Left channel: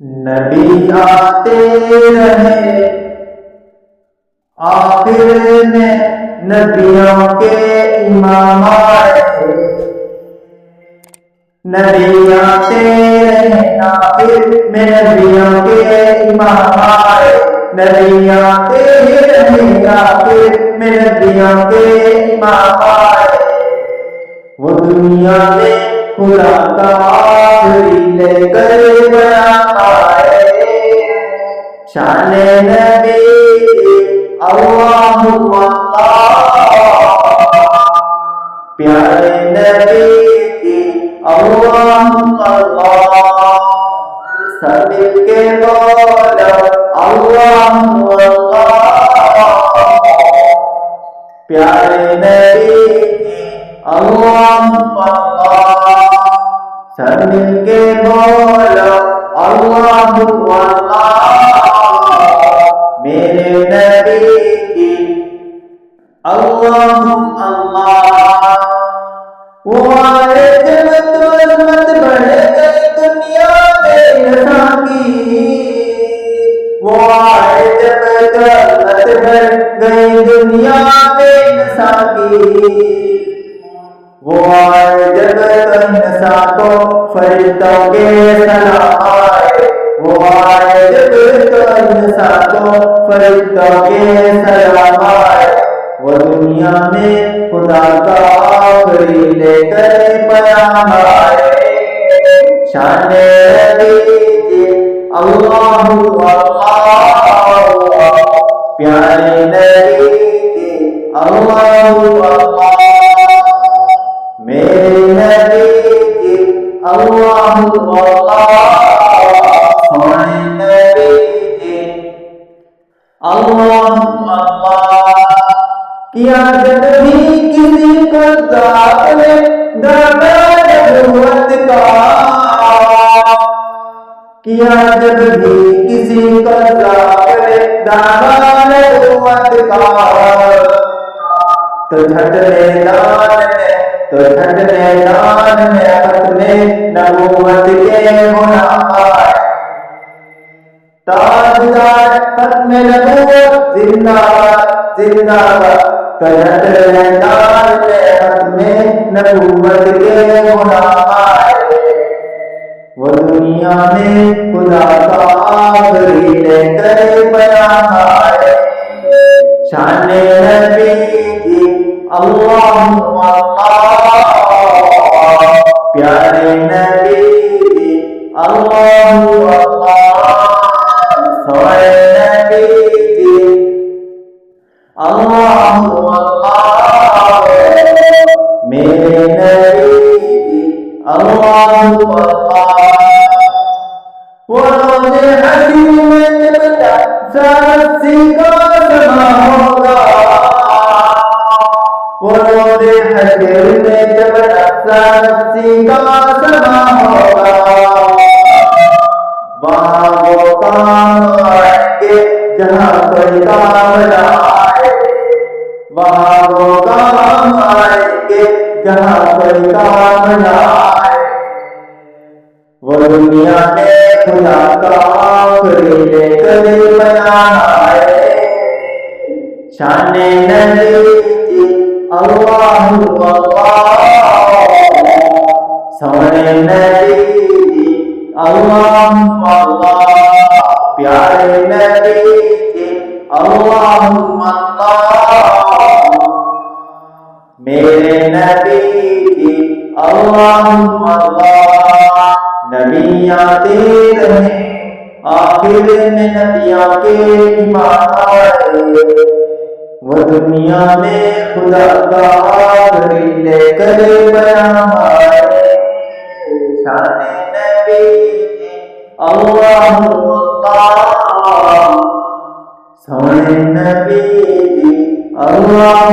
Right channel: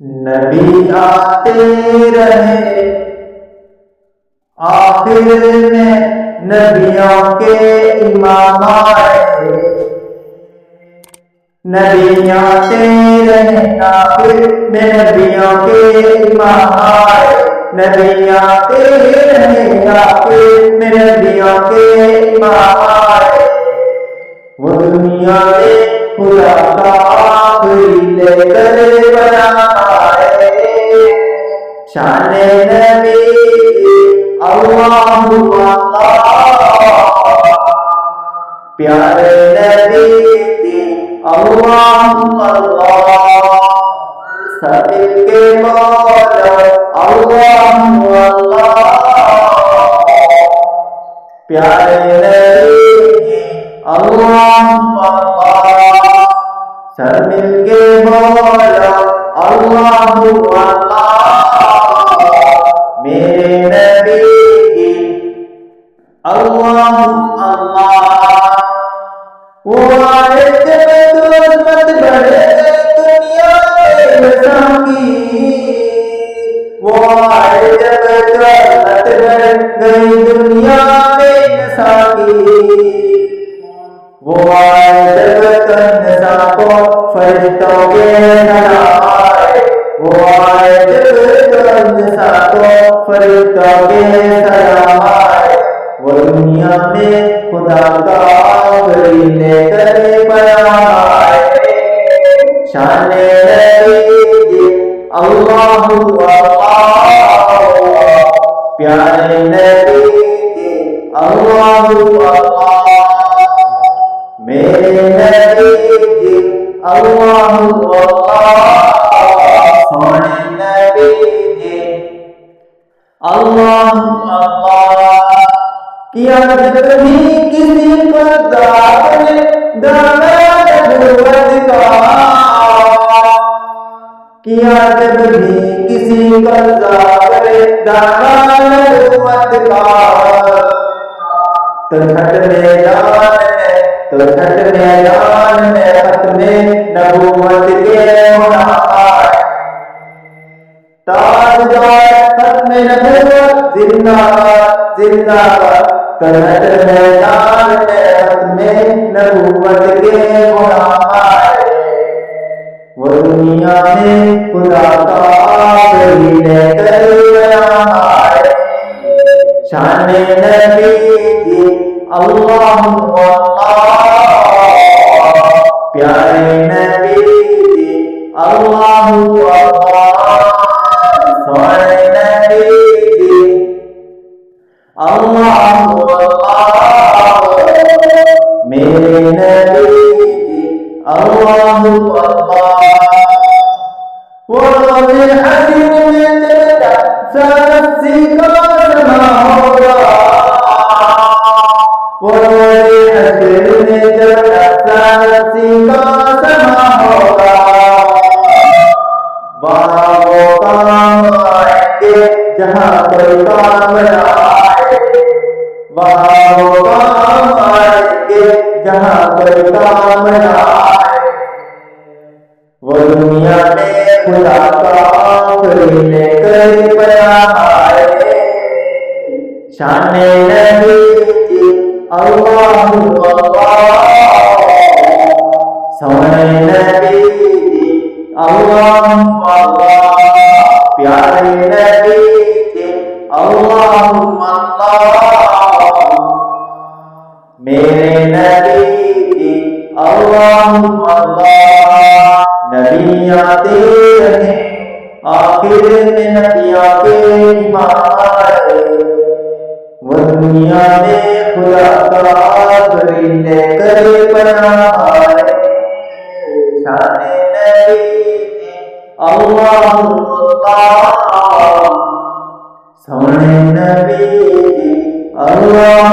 نبی آتے رہے آخر میں نبیوں کے امام آئے، نبی آتے رہے آخر میں نبیوں کے امام آئے، نبی آتے رہے آخر میں نبیوں کے امام آئے، وہ دنیا میں خدا کا آخری لے کر بیان آئے، شان نبی اللہ پیارے نبی کی اللہ سب مل کے بولو اللہ پیارے نبی کی اللہ سب مل کے بولو اللہ میرے نبی کی اللہ وہ آئے جب تو عظمت بڑھ گئی دنیا میں رسا کی، وہ آئے جب تو عظمت بڑھ گئی دنیا میں نسا کی، وہ آئے جب تو نسا کو فرشتوں کے سلام آئے، وہ آئے جب تو نسا کو فرشتوں کے سلام آئے، وہ دنیا میں خدا کا آخری لے کر پیام آئے، شان نبی اللہ پیارے نبی اللہ میرے نبی اللہ سونے نبی اللہ کیا جب بھی کسی کو ذات نے دعویٰ نبوت کا، کیا جب بھی کسی کو ذات نے دعویٰ نبوت کا، تو چھٹ میدان میں ختم نبوت کے غلام آئے، تاجدار ختم نبوت زندہ باد زندہ باد، تو چھٹ میدان میں ختم نبوت کے غلام آئے، وہ دنیا میں خدا کا آخری لے کر بیان آئے، شان نبی اللہ پیارے نبی اللہ سونے نبی اللہ میرے نبی اللہ وہ روز حشر میں جب سرسی کا سما ہوگا، وہ روز حشر میں جب سرسی کا سما ہوگا، وہاں وہ کام آئیں گے جہاں کوئی کام نہ آئے، وہاں وہ کام آئیں گے جہاں کوئی کام نہ آئے، وہ دنیا میں خدا کا آخری لے کر پیام آئے، شان نبی اللہ سونے نبی اللہ پیارے نبی اللہ میرے نبی اللہ نبی آتے رہے آخر میں نبیوں کے امام آئے، وہ دنیا میں خدا کا آخری لے کر پیام آئے، شان نبی اللہ سونے نبی اللہ